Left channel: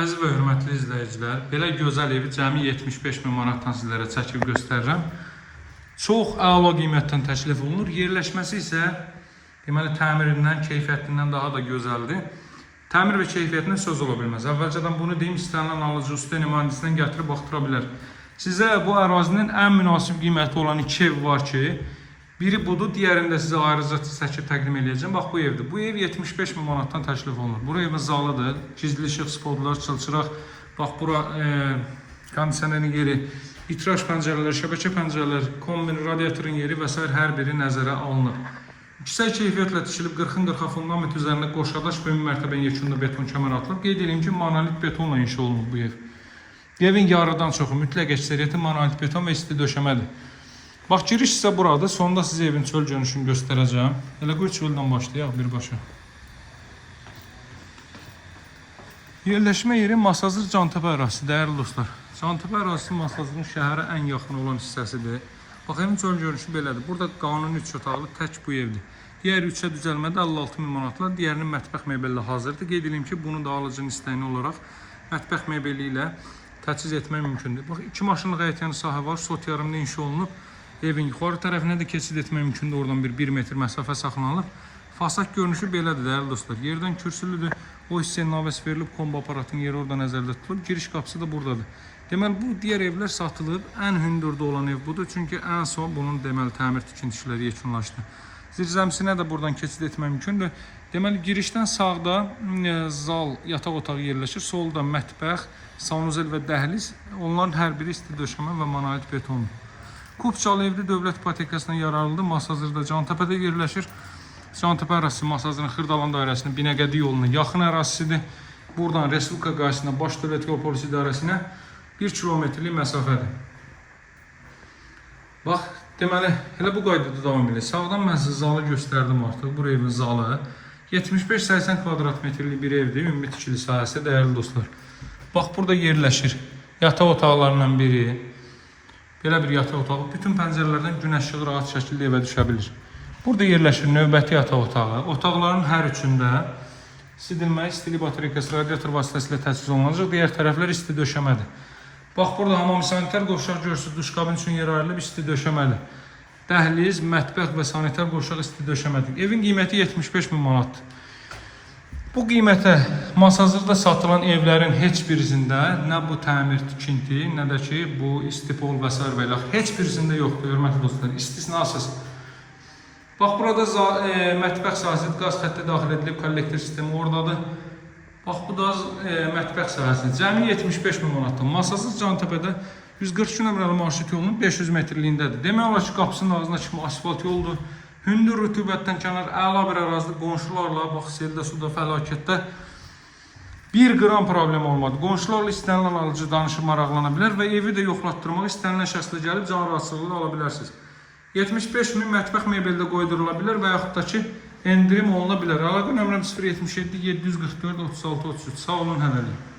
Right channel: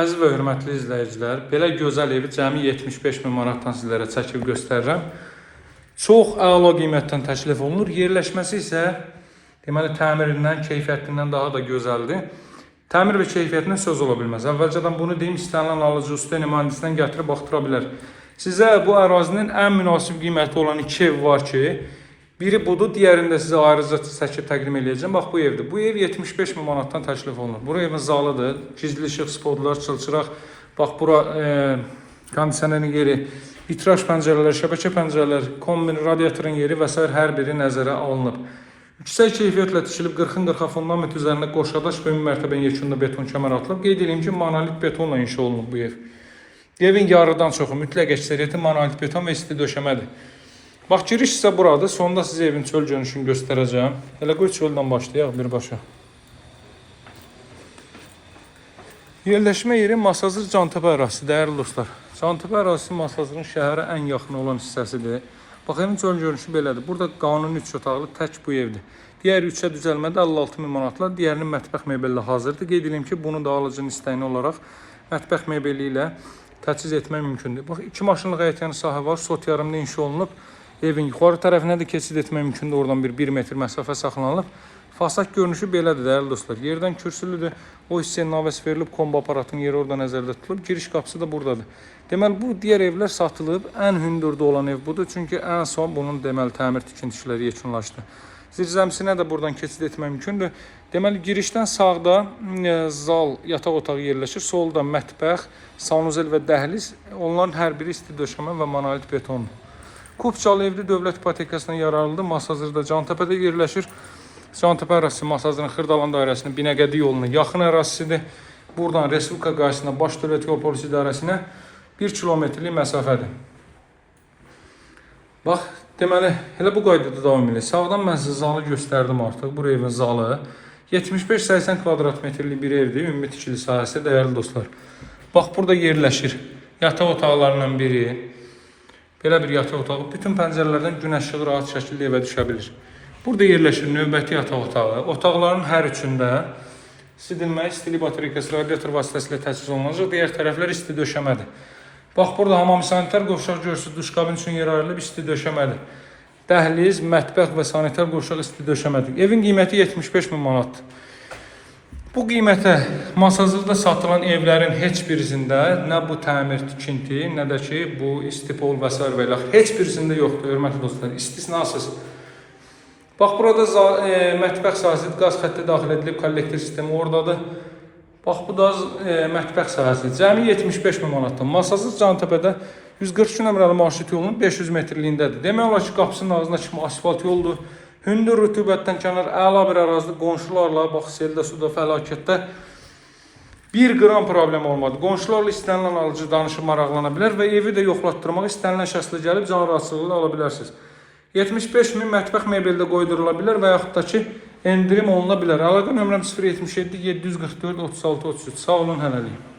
Əziz və hörmətli izləyicilər, belə gözəl evi cəmi 75.000 manatdan sizlərə çəkib göstərirəm. Çox əla qiymətdən təklif olunur. Yerləşməsi isə deməli təmirindən, keyfiyyətindən daha da gözəldir. Təmir və keyfiyyətindən söz ola bilməz. Əvvəlcədən bunu deyim, istənilən alıcı usta mühəndisindən gətirib baxdıra bilər. Sizə bu ərazinin ən münasib qiyməti olan iki ev var ki, biri budur, diğerində sizə ayrıca çəkib təqdim edəcəm. Bax, bu evdir. Bu ev 75.000 manatdan təklif olunur. Bura evin zalıdır. Gizli işıq, spotlar, çılçıraq. Bax, bura kondisionerin yeri, vitraj pəncərələr, şəbəkə pəncərələr, kombin, radiatorun yeri və s. hər biri nəzərə alınıb. Yüksək keyfiyyətlə tikilib 40-40 fundament üzərində qoşadaş və ümumi mərtəbənin yekunda beton kəmər atılıb. Qeyd edeyim ki, monolit betonla inşa olunub bu ev. Evin yarıdan çoxu mütləq əksəriyyəti monolit beton və isti döşəmədir. Bax, giriş isə buradır. Sonunda sizə evin çöl görünüşünü göstərəcəm. Elə qoy çöldən başlayaq birbaşa. Yerləşmə yeri Masazır Cantəpə ərazisi, dəyərli dostlar. Cantəpə ərazisi Masazırın şəhərə ən yaxın olan hissəsidir. Bax, evin çöl görünüşü belədir. Burada qanuni 3 otaqlı tək bu evdir. Digər 3-ə düzəlmədə 56.000 manatla, digərinin mətbəx mebellə hazırdır. Qeyd edeyim ki, bunu da alıcının istəyini olaraq mətbəx mebeli ilə təchiz etmək mümkündür. Bax, 2 maşınlıq həyətyanı sahə var. Sot yarımda inşa olunub. Evin yuxarı tərəfinə də keçid etmək mümkündür. Oradan 1 metr məsafə saxlanılıb. Fasad görünüşü belədir, dəyərli dostlar. Yerdən kürsülüdür. O hissəyə naves verilib, kombo aparatının yeri orada nəzərdə tutulub. Giriş qapısı da buradadır. Deməli, bu digər evlər satılıb. Ən hündürdə olan ev budur. Çünki ən son bunun deməli təmir tikinti işləri yekunlaşdı. Zirzəmisinə də buradan keçid etmək mümkündür. Deməli, girişdən sağda zal, yataq otağı yerləşir. Solda mətbəx, sanuzel və dəhliz. Onların hər biri isti döşəmə və monolit betondur. Kupçalı evli dövlət ipotekasına yararlıdır. Masazırda Cantəpədə yerləşir. Cantəpə ərazisi Masazırın Xırdalan dairəsinin Binəqədi yoluna yaxın ərazisidir. Buradan Respublika qarşısına Baş Dövlət Yol Polisi İdarəsinə 1 kilometrlik məsafədir. Bax, deməli, elə bu qaydada davam edir. Sağdan mən sizə zalı göstərdim artıq. Bu evin zalı 75-80 kvadrat metrlik bir evdir. Ümumi tikili sahəsi, dəyərli dostlar. Bax, burada yerləşir yataq otaqlarından biri. Belə bir yataq otağı. Bütün pəncərələrdən günəş işığı rahat şəkildə evə düşə bilir. Burada yerləşir növbəti yataq otağı. Otaqların hər üçündə sidilmə, istilik batareykası, radiator vasitəsilə təchiz olunacaq. Digər tərəflər isti döşəmədir. Bax, burada hamam sanitar qovşaq görürsünüz. Duşqabin üçün yer ayrılıb isti döşəmədir. Dəhliz, mətbəx və sanitar qovşaq isti döşəmədir. Evin qiyməti 75.000 manatdır. Bu qiymətə Masazırda satılan evlərin heç birisində nə bu təmir tikinti, nə də ki bu istipol və s. və heç birisində yoxdur, hörmətli dostlar, istisnasız. Bax, burada mətbəx sahəsi, qaz xətti daxil edilib, kollektor sistemi oradadır. Bax, bu da mətbəx sahəsi. Cəmi 75.000 manatdır. Masazır Cantəpədə 142 nömrəli marşrut yolunun 500 metrliyindədir. Demək olar ki, qapısının ağzına kimi asfalt yoldur. Hündür rütubətdən kənar əla bir ərazidə qonşularla, bax, seldə, suda, fəlakətdə 1 qram problem olmadı. Qonşularla istənilən alıcı danışıb maraqlana bilər və evi də yoxlatdırmaq istənilən şəxslə gəlib can rahatsızlığı ala bilərsiniz. 75.000 mətbəx mebeldə qoydurula bilər və yaxud da ki, endirim oluna bilər. Əlaqə nömrəm 077 744 36 33. Sağ olun, hələlik.